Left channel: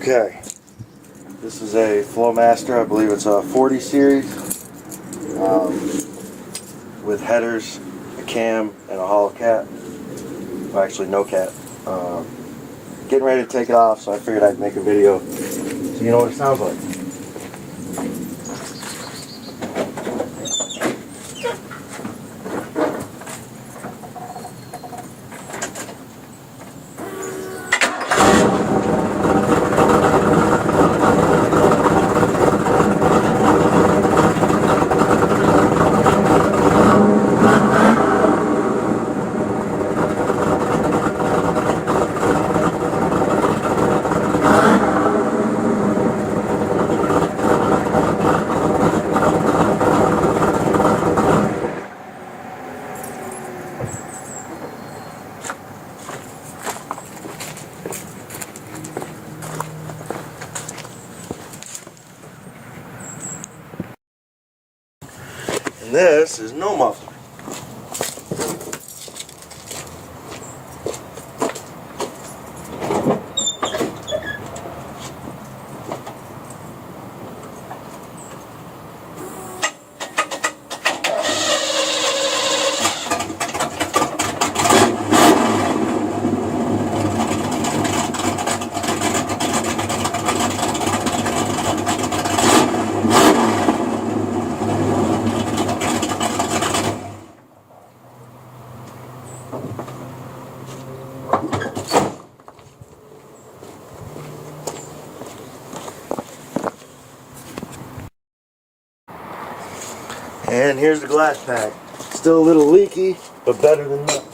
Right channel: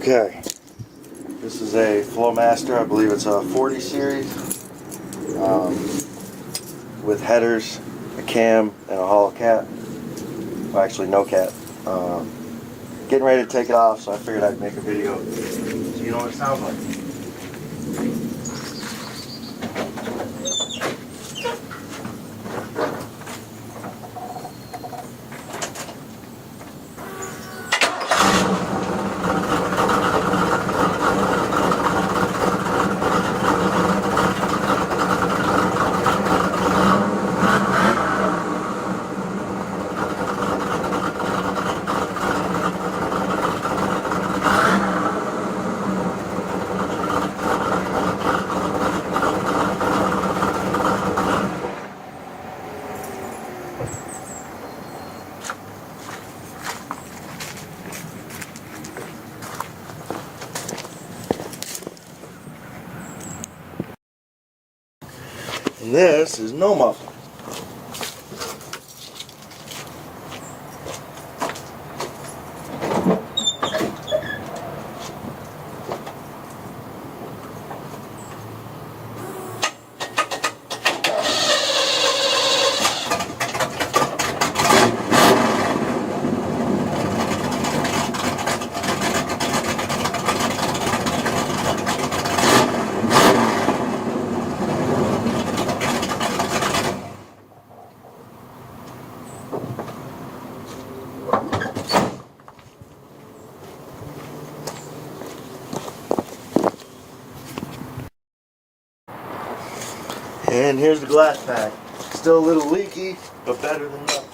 Okay, this is a Flowmaster. I believe it's a 40 series with headers, a cam, and a hollow cap. Well, actually, no cap. Getting ready to take it off, so I figured I'd make a video so you know what it sounds like. And this is NO Muffler. And here's the glass pack. Still a little leaky, but better than nothing.